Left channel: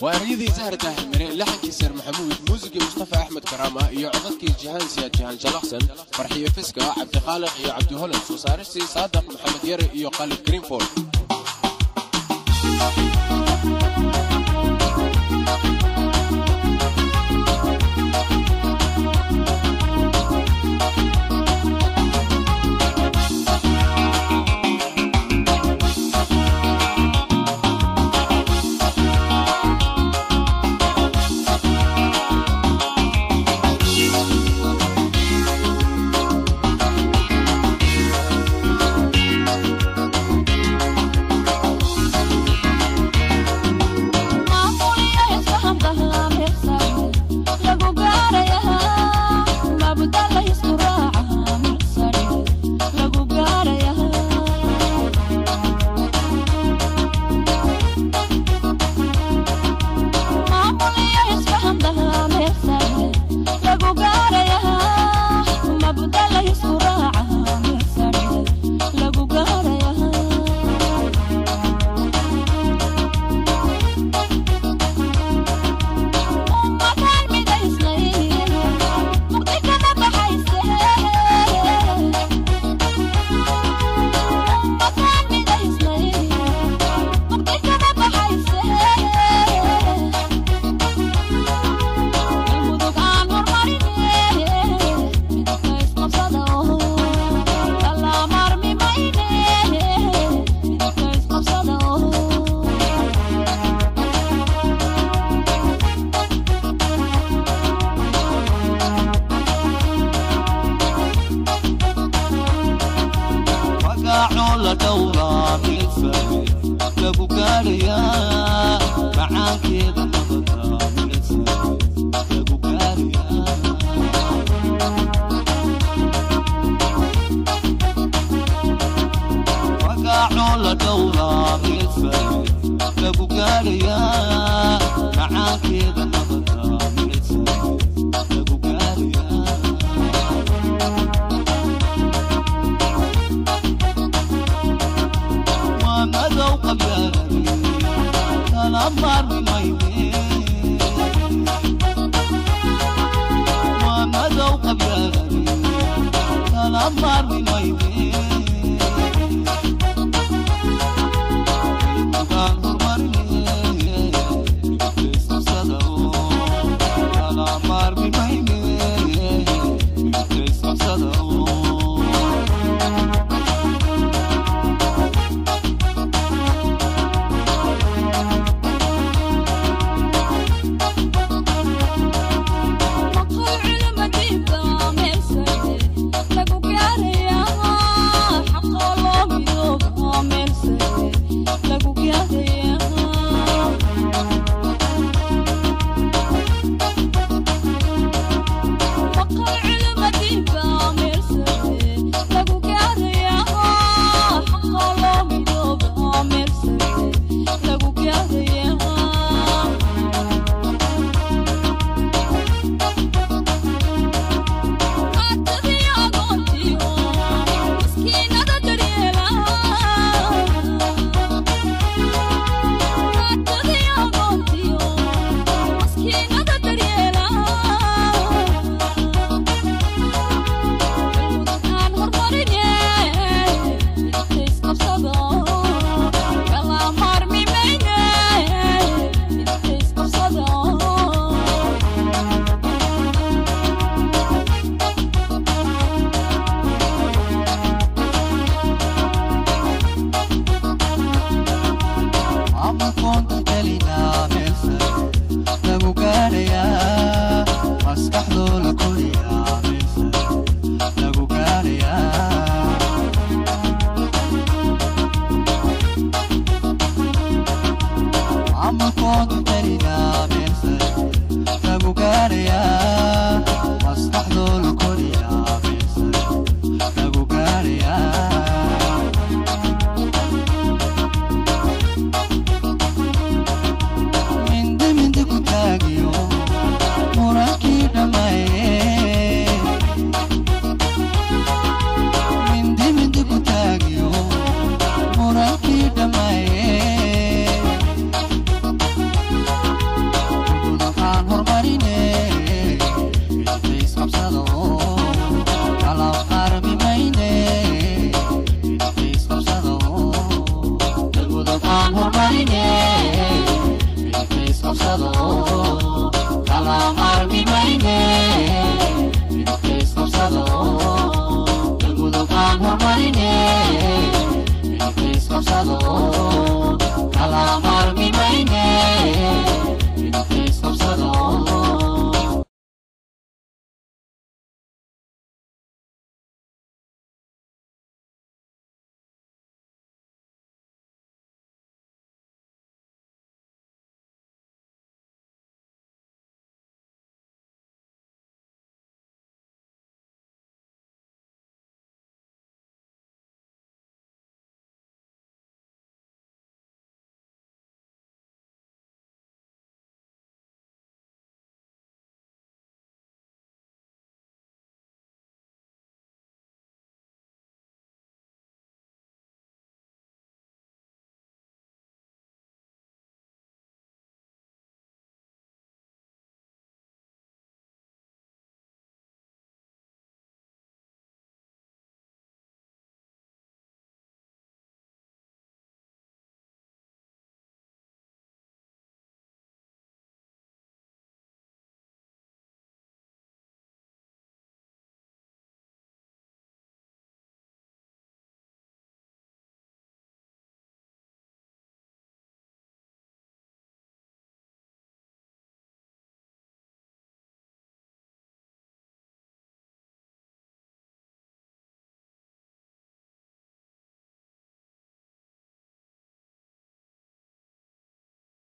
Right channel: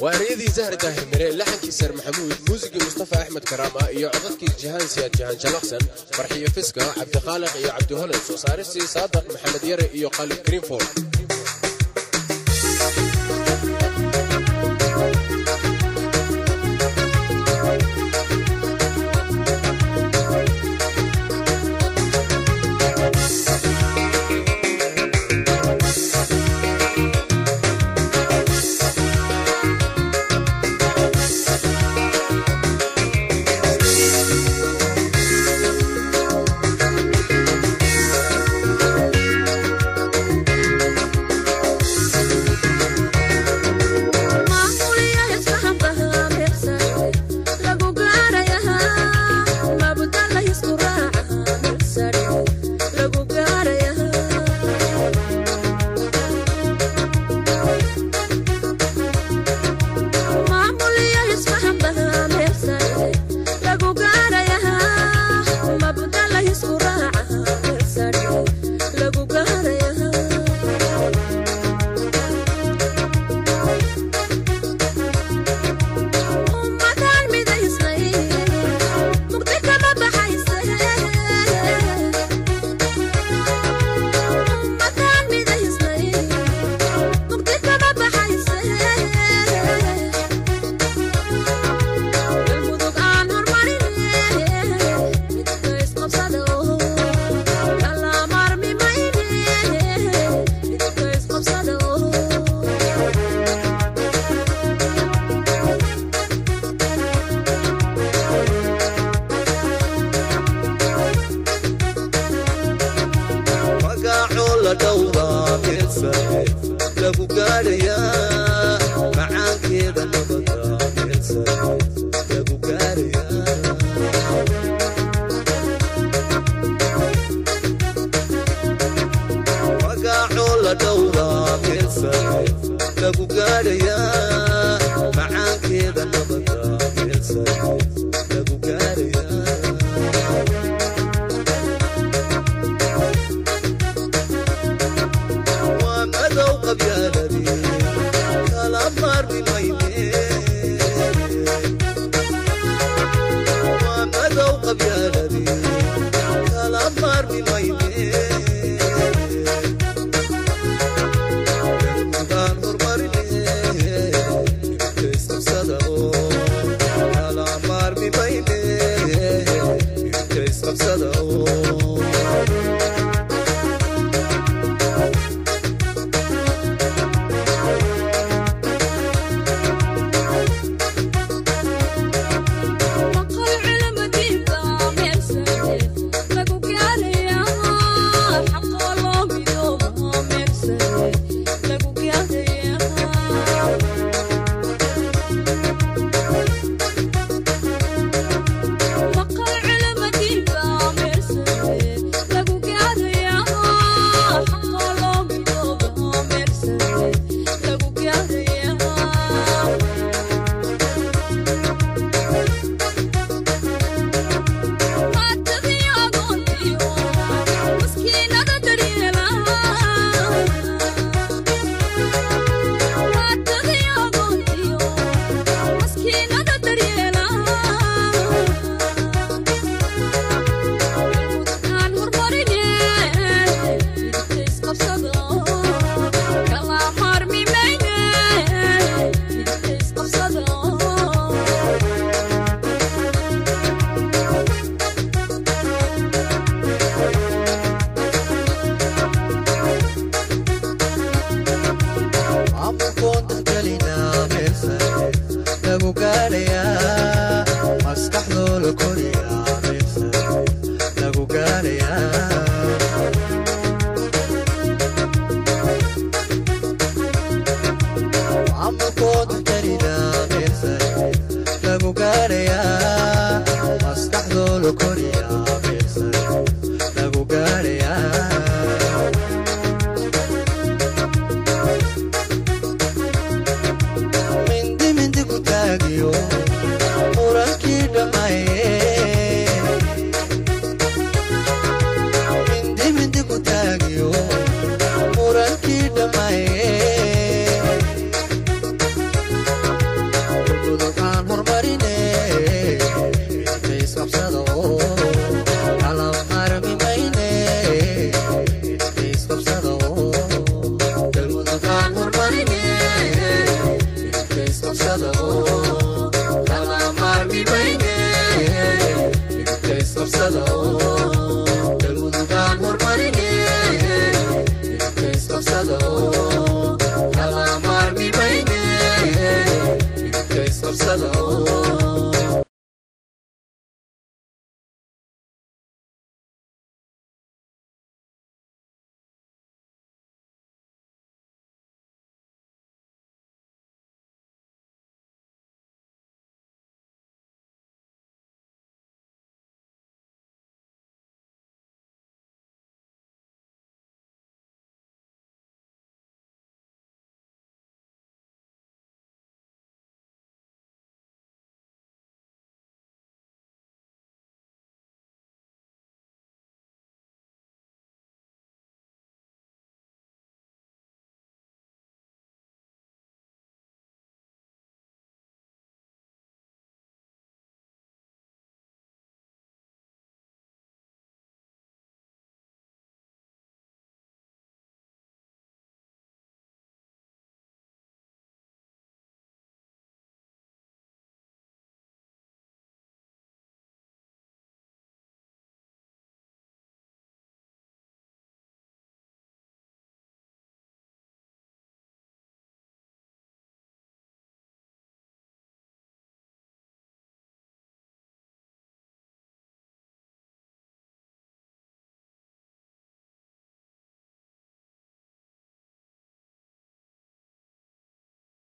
وأريدي زهر داهر مري لحن كيسر محمود موسيقى مصطفى أحمد كرامة يعطيك جهان سياد جهان شنقسن فرحية فسكة عبد خالق يا عبد هلس وصارسي صادق محمد يري يا قلب كريمفول. la dhowraa meel sare lagu gaarayaa macaankeeda nabada meel sare lagu gaarayaa magacoo la dhowraa meel sare lagu gaarayaa macaankeeda nabada meel sare lagu gaarayaa مدو قبيالتي الأمر بميني ومدو قبيالتي الأمر بميني المكان هرمرني يبتس صدقو الأمر بميني يبتس صدقو isqabsado kala maarmi mayne midabka isqabsado galmudugaan hormarine midabka isqabsado kala maarmi mayne midabka isqabsado